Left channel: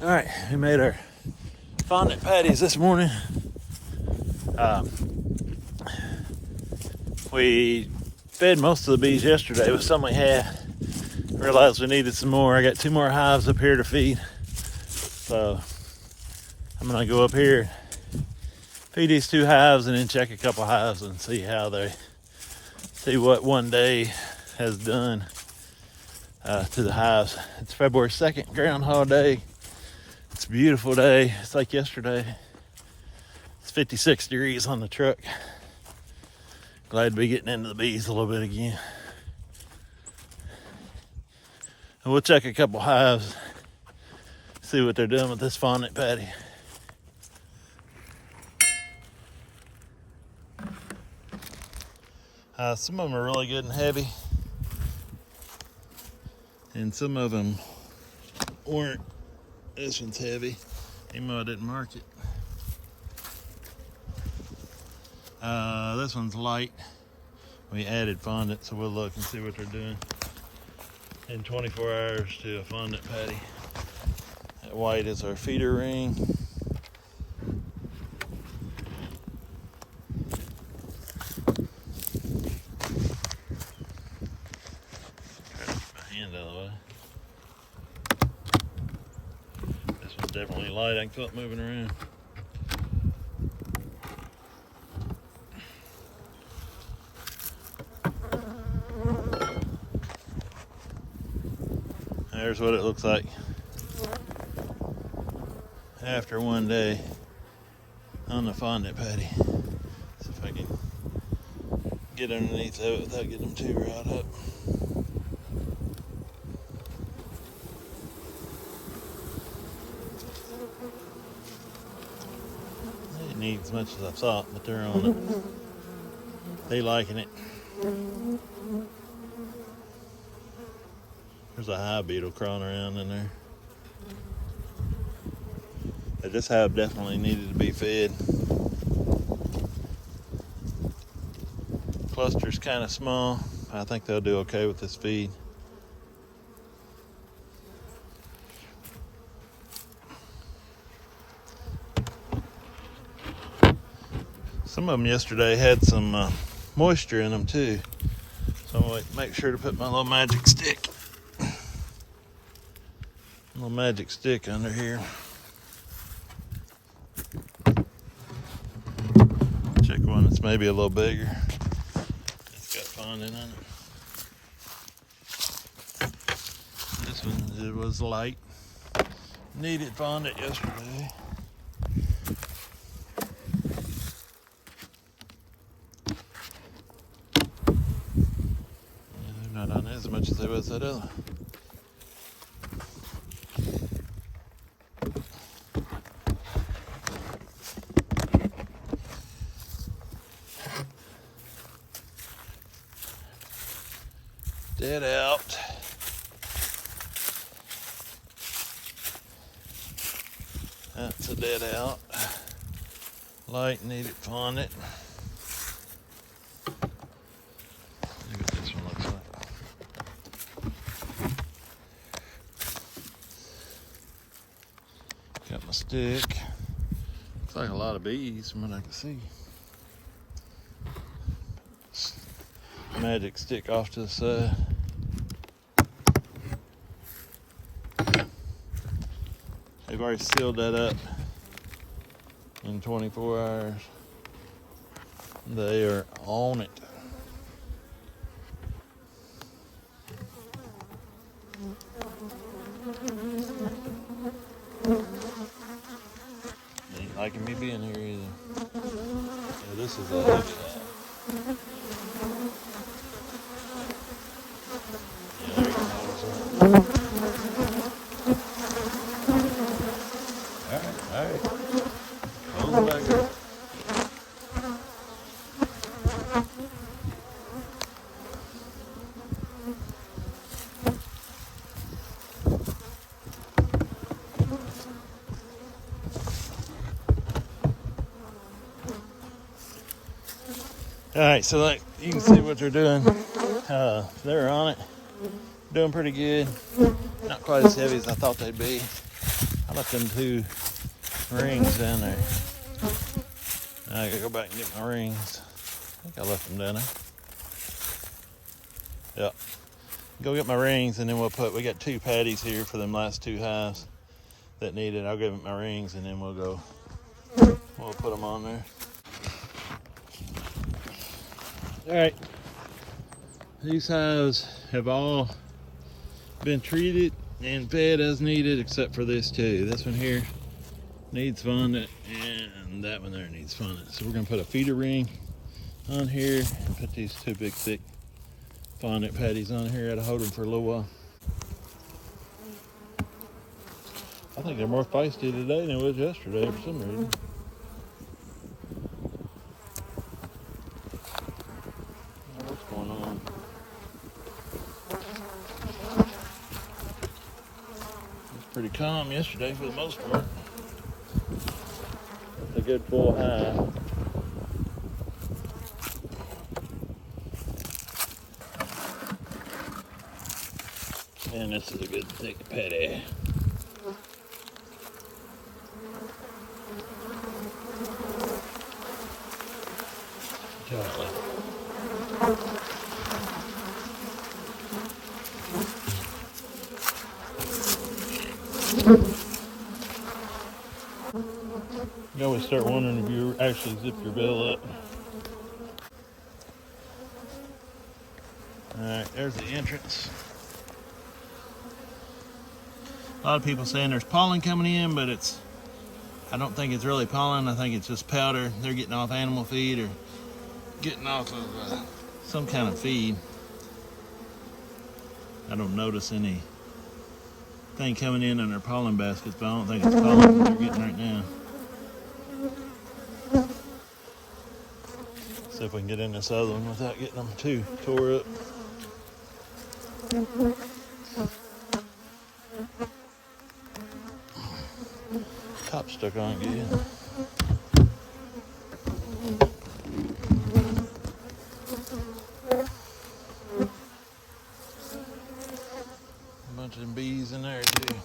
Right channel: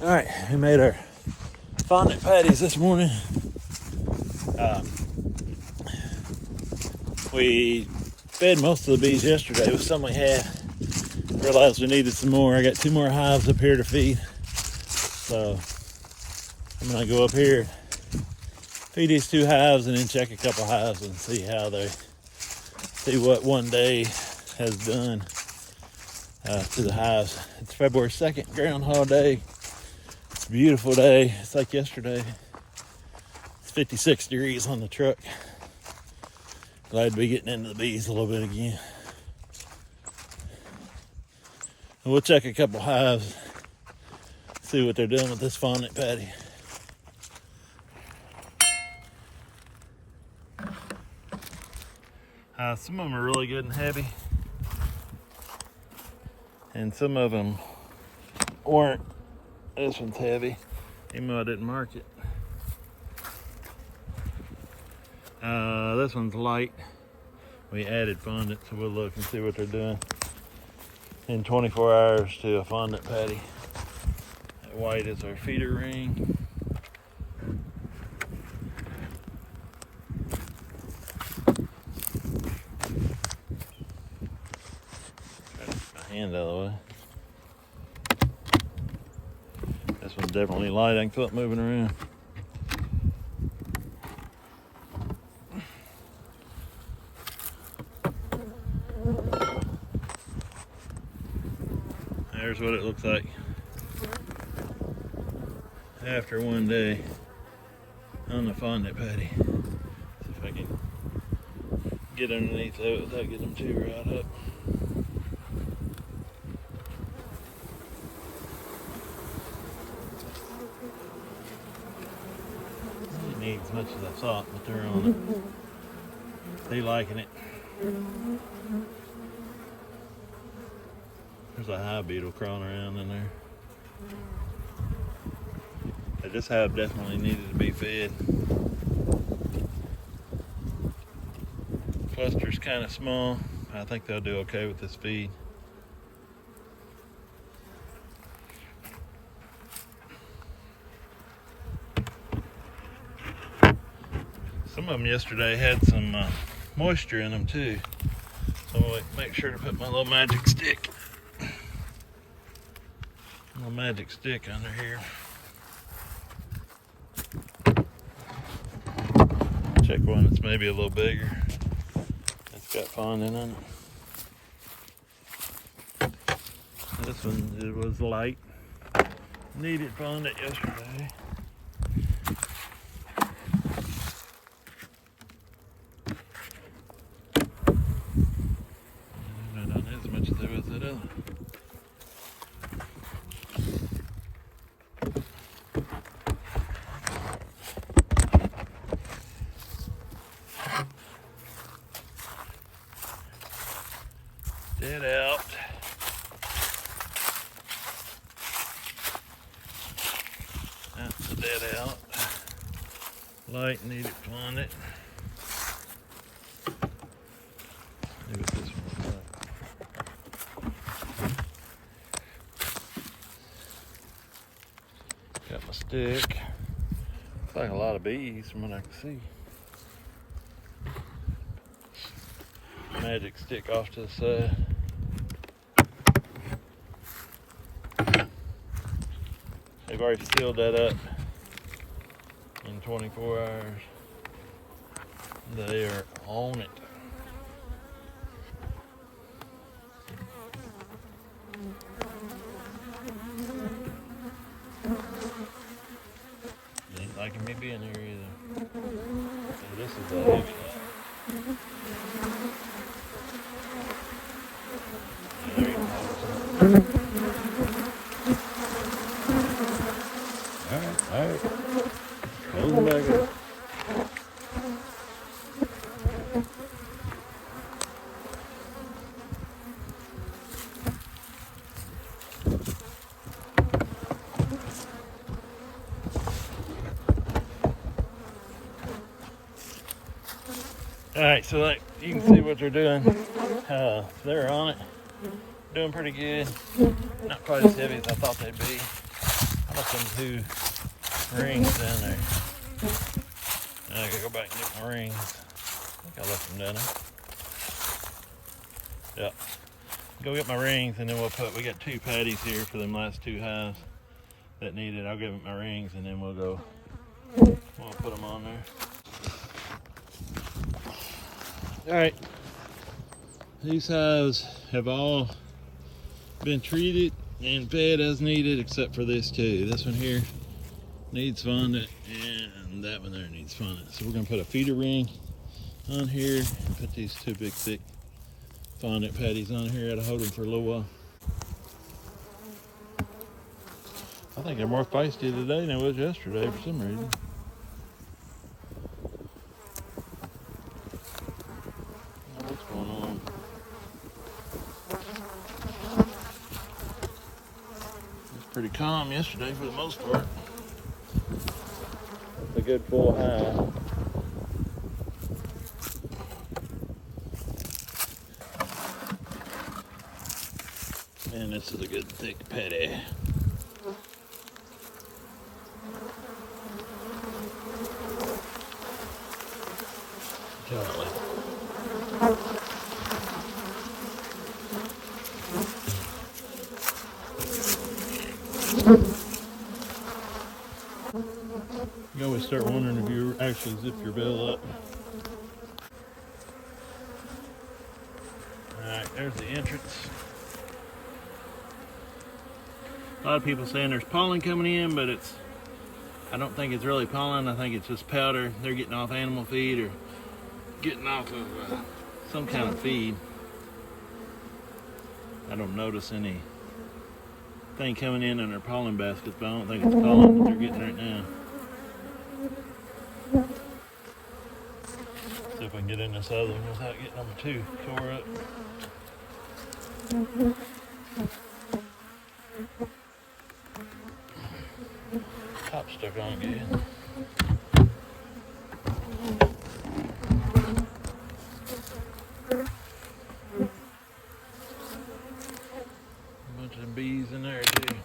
All right, we made our fondant patties this morning. We fed most of the bees yesterday with some we had. Realized we needed some more. I got 2 more hives up here to feed. So I'm gonna go up here, feed these 2 hives, and then check a couple hives and see what one day has done to the hives. It's February 2nd, Groundhog Day. It's a beautiful day. It's like yesterday. It's 56 degrees on the truck. Glad to be getting into the bees a little bit again. And we'll check a couple hives, see what they're doing with this fondant patty. Some of them are really good and heavy, and some of them weren't. This one's heavy, even though I didn't mark it. This one's light. We added fondant, so we'll look and see what they're doing in 24 hours to a fondant patty. That white is our feeder ring. Try to get my hand out of the way. This one's definitely light. I can feel it moving around. There's what it looks like after one day on the fondant patty. See if I can get underneath of it without getting them too riled up. It needs as much as I thought, but they're on it. They liking it. There's a hive beetle crawling around in there. This hive definitely needed to be fed. Cluster's kind of small. I think they'll do okay with this feed. Some of them yesterday had some moisture in them too. So I'm gonna make sure to put my little magic stick under here. Check one that's maybe a little bigger. That's got fondant in it. This one was light. Needed fondant yesterday. Not on as much as it was that other. Dead out. That's a dead out. Light needed fondant. See what this one looks like. Got my stick. Looks like a lot of bees from what I can see. Magic stick off to the side. They've already sealed that up in 24 hours. They are on it. They ain't liking me being here either. So this is delicious. Alright. Close them back up. Alright, so like you can see what they're doing. They're on it. Doing pretty good. Not quite as heavy as I thought they'd be. Left them 2 rings down there. Now I gotta go back and get my rings. I think I left them down there. Yep. Go get my rings and then we got 2 patties here for them last 2 hives that need it. I'll give them my rings and then we'll put them on there. All right. These hives have all been treated and fed as needed except for this 2. This one here needs fondant and that one there needs fondant. So we're gonna put a feeder ring on here and put these 2 big thick fondant patties on here. I'll hold them for a little while. I think they're more feisty today than it was yesterday for some reason. What's going on? It was pretty calm yesterday for the most part. A good full hive. And this is a good thick patty. Golly. You always start wondering if you actually zip your bill up. Alright, there's the entrance. A lot of people saying there's pollen coming in, but I don't think it's really pollen. I think it's just powder. They're getting off animal feed or getting off of some kind of feed. I don't notice anything coming in their pollen baskets, but I don't think it's pollen they're getting right now. See if we can get in this other one without getting them too tore up. Top stuck on again. A bunch of them bees in there too.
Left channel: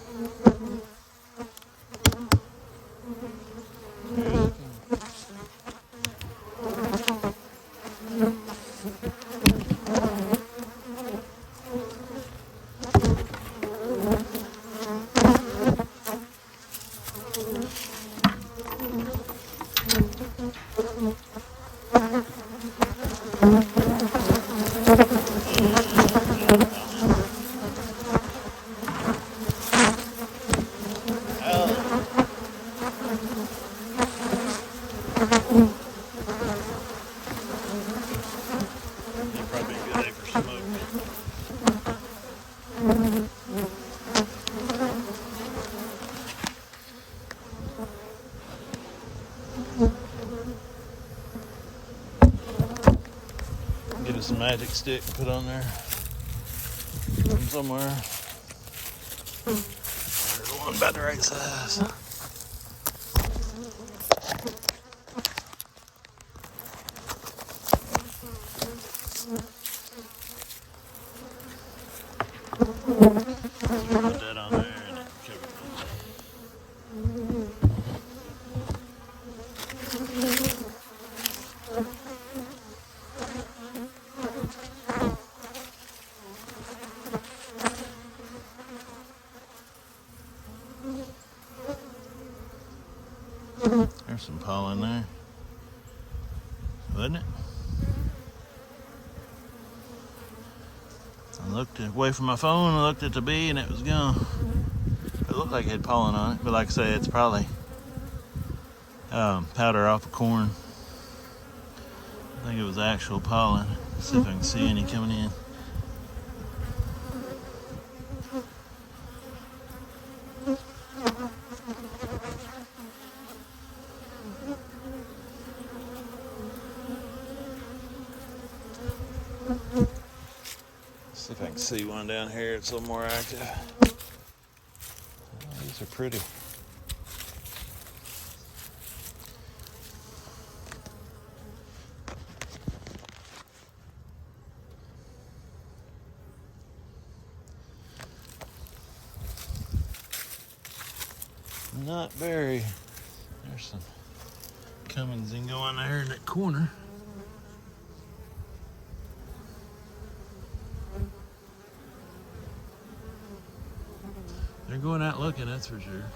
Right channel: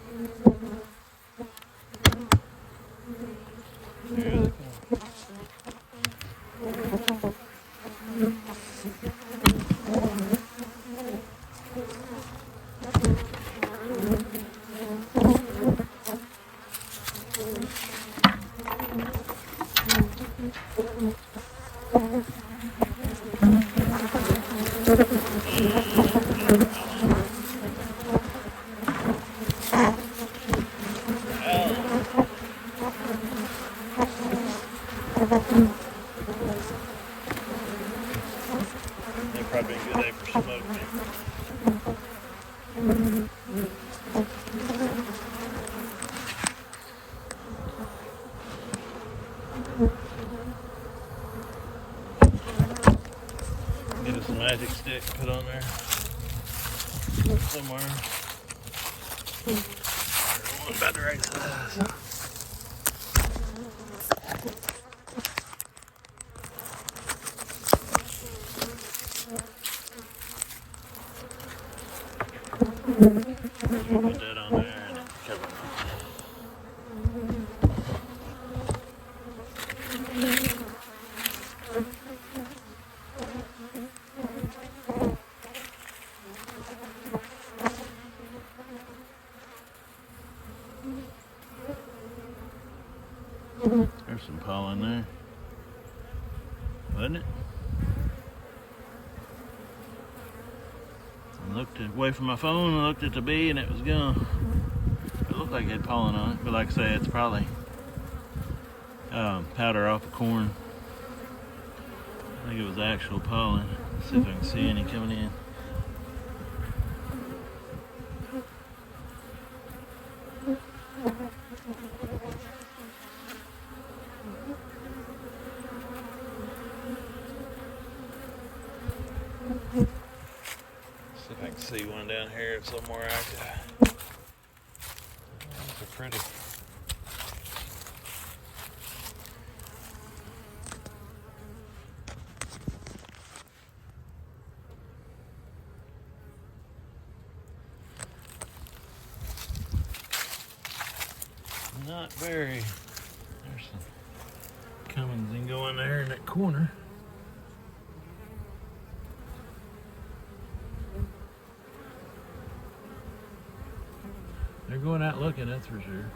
Probably a good day for smoke. Get us a magic stick to put on there somewhere. One about the right size. Put that on there and then cover it on. There's some pollen there, wasn't it? I looked away from my phone and looked at the bee and it was gone. It looked like it had pollen on it, but like I say, it's probably powder off of corn. I think it was actual pollen. Let's see if I can see any coming in. See if I can see one down here. It's a little more active. These are pretty. not very. There's some comings and going there in that corner. They're going out looking, that's for sure.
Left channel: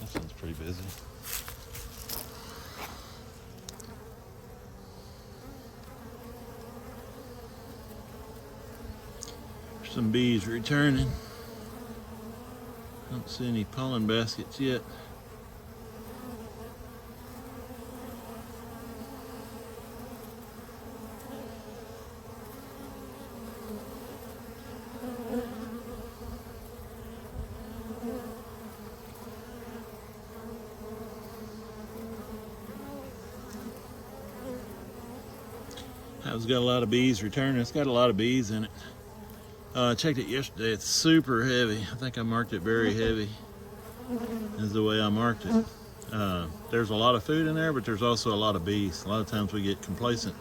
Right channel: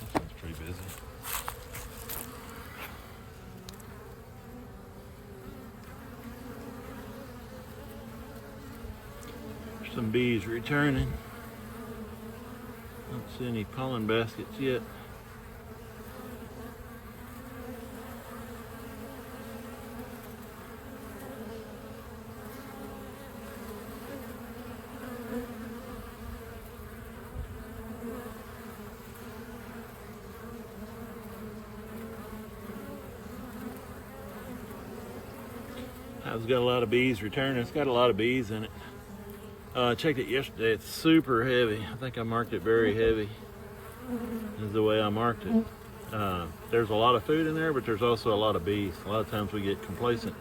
This one's pretty busy. There's some bees returning. Don't see any pollen baskets yet. It's got a lot of bees returning. It's got a lot of bees in it. I checked it yesterday. It's super heavy. I think I marked it very heavy. Is the way I marked it. There's a lot of food in there, but there's also a lot of bees. A lot of times we get complacent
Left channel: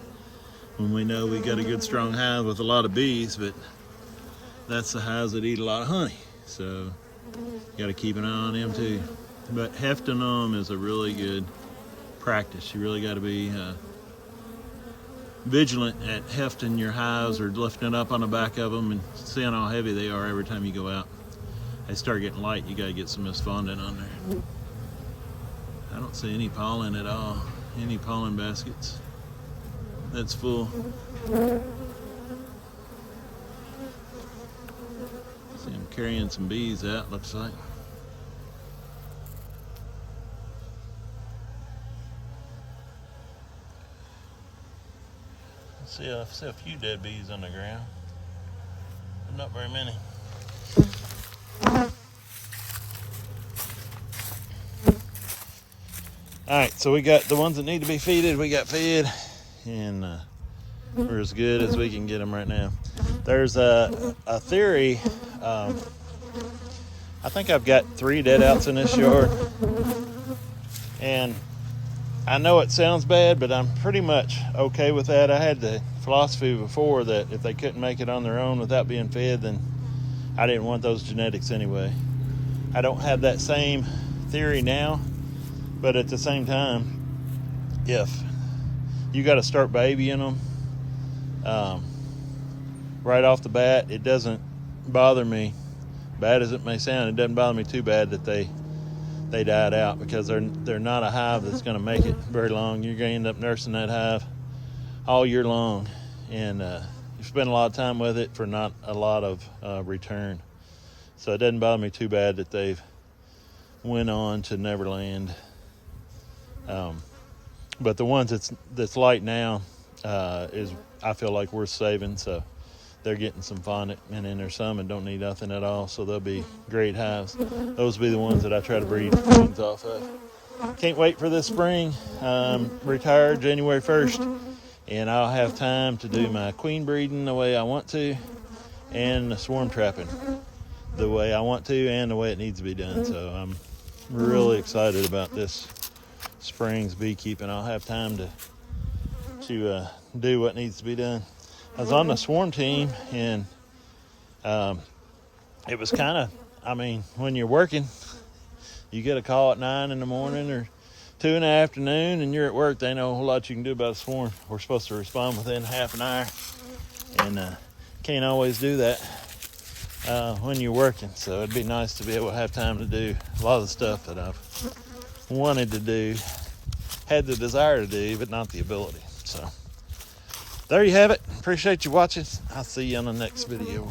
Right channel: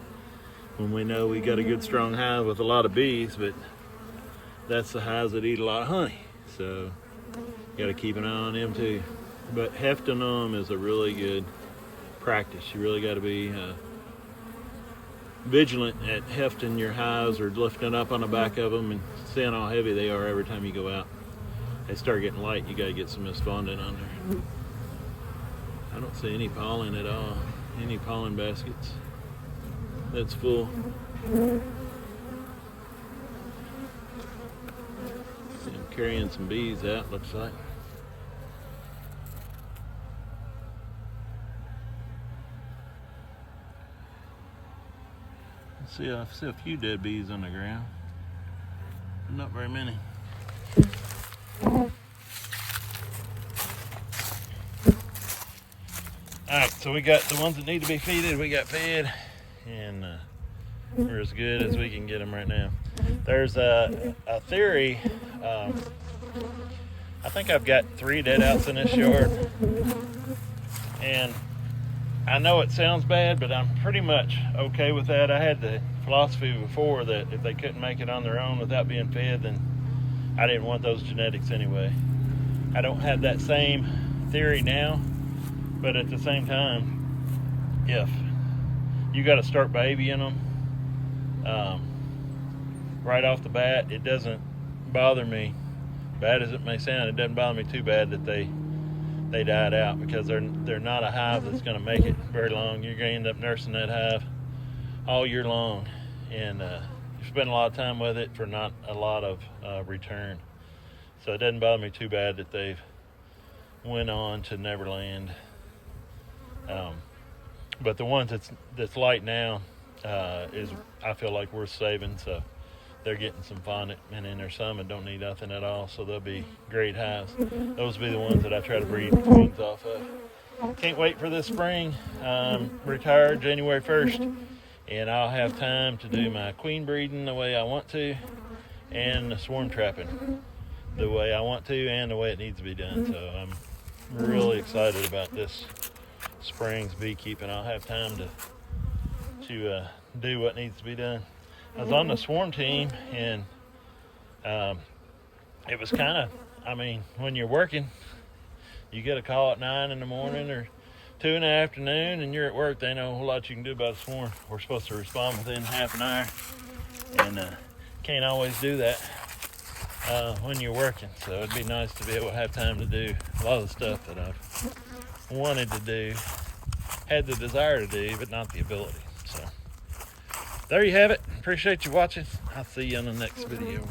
when we know we got a good strong hive with a lot of bees, but that's the hives that eat a lot of honey. So you got to keep an eye on them too. But hefting them is a really good practice. You really got to be vigilant at hefting your hives or lifting up on the back of them and seeing how heavy they are every time you go out. They start getting light, you got to get some of this fondant on there. I don't see any pollen at all, any pollen baskets. That's full. See, I'm carrying some bees out, looks like. I see a few dead bees on the ground, but not very many. Alright, so we got the ones that need to be feeded, we got fed, and we're as good as we can get them right now. There's a theory, I think I've got 3 dead outs in this yard, and I know it sounds bad, but I'm pretty much okay with that. I had the philosophy before that if they couldn't make it on their own without being fed, then I didn't want those genetics anyway. I don't have that same theory now, but at the same time, if you got to start babying them right off the bat, it doesn't bother me, bad as it may sound, it doesn't bother me too bad that they died out, because they're not a hive that's going to make it very long. You're going to end up nursing that hive all year long, and you spend a lot of time with it for not a lot of return. So it doesn't bother me too bad that they've went on to Neverland. But the ones that's light now is, I feel like, worth saving. So they're getting some fondant, and then there's some that don't need nothing at all, so they'll be great hives. Those will be the ones that I try to breed queens off of. Can't wait for this spring. Retire January 1st, and I'll have time to do my queen breeding the way I want to, and the swarm trapping the way I want to, and the way it needs to be done. So I'm really excited about this spring's beekeeping. I'll have time to do what needs to be done. I was on the swarm team, and it was kind of, I mean, when you're working, you get a call at 9 in the morning or 2 in the afternoon, and you're at work. They know a whole lot you can do about a swarm. We're supposed to respond within half an hour, and can't always do that when you're working. So it'd be nice to be able to have time to do a lot of the stuff that I've wanted to do, had the desire to do, but not the ability. So there you have it. Appreciate you watching. I'll see you on the next video.